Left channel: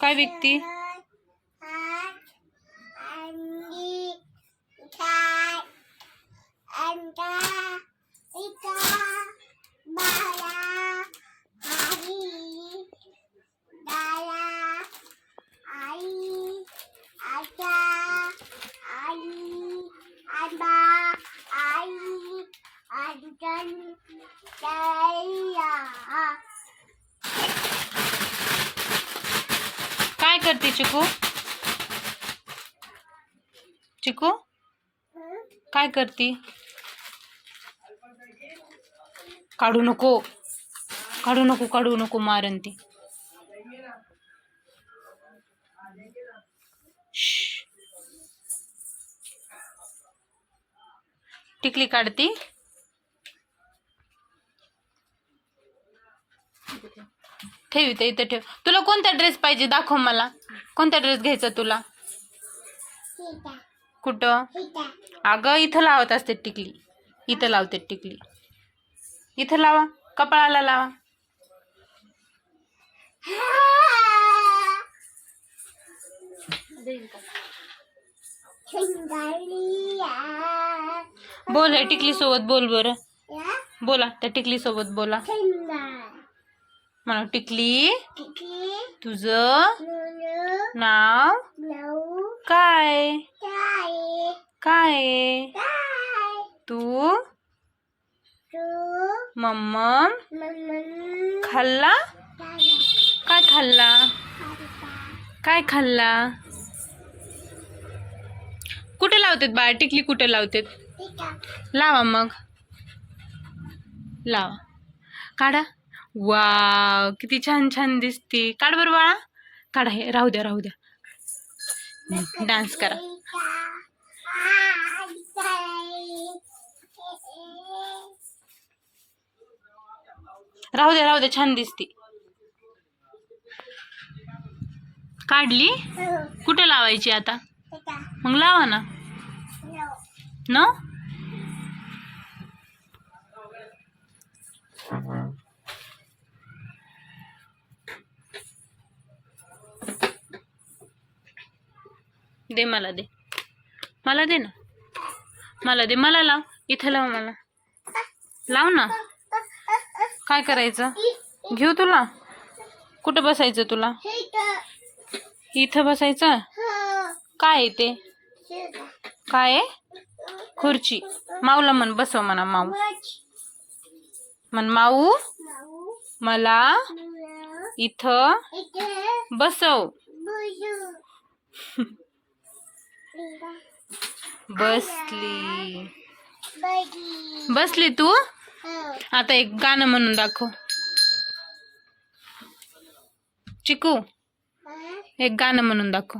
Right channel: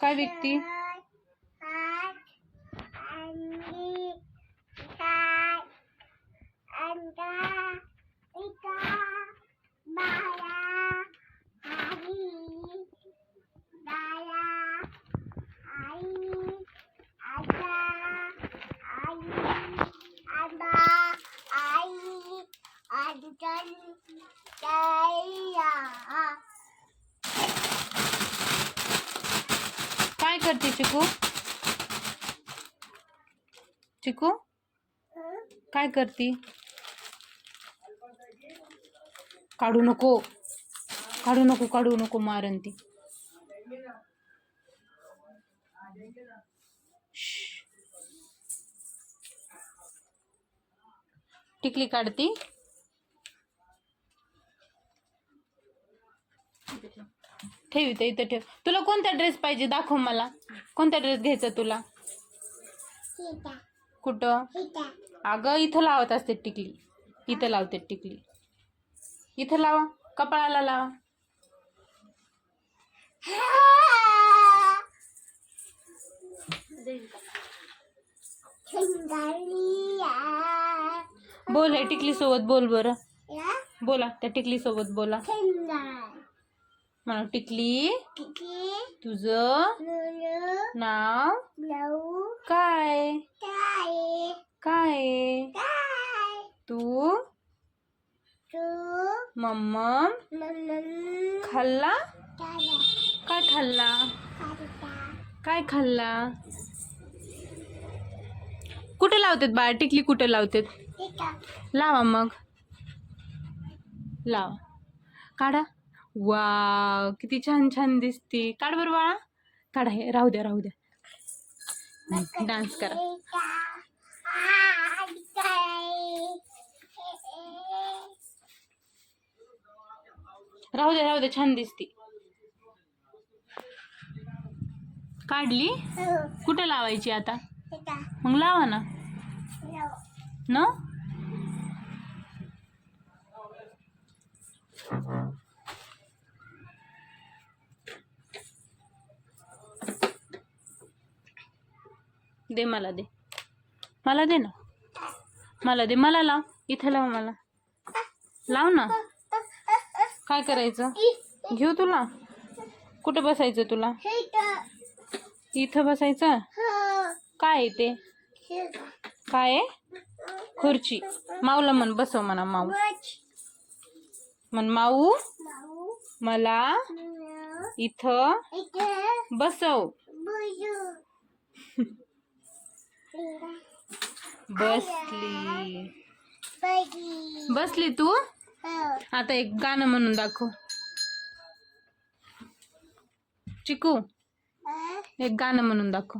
काय विकती? काय करते चिकू? चिकू काय करती? काढू नको, काढू नको, काढू नको, मारन ती. टिकली काढती. ठेव इथं, इथं ठेव. तुला कोणता ड्रेस पाहिजे दाखव मला. कोणता ड्रेस घ्यायचा तुला? कुठं? अगं इथं लावत असते टिकली. इथं लावते टिकली. इथं लावा, कपाळाला लावा. बोल आहे टिकली सोबत बोल बरं. बोला त्या टिकली सोबत बोला. म्हणा टिकली तुझं नाव काय? काय? तू मम्मम खाल्ला? काय खाल्ला? काय खाल्ला? कुठे लावतात बाळा टिकली? कुठे लावतात? लावा मग, लावा. काढा. वाव किती छान छान दिसते. काढ बरं बाळा, काढा. हे राहू द्या, राहू द्या. डान्स करा. राहू द्या, राहू द्या, छान दिसते. काढली? कुठे लावायची आता? मग लावा ना. न दे मला, दे मला, दे ना मला, दे मला. लाव इथं, लाव मला, लाव ना. काय करायचं? घेऊ तुला? कुठं बसायचं तुला? इथं बसायचं. काय आहे ते? काय आहे? खुर्ची. माऊला म्हण बसव म्हणा. माऊ म्हण. माऊ मला इथं बसव. बसली, बसली तू. आता एक गाणं म्हणून दाखव चिकू. एक गाणं म्हणून दाखव.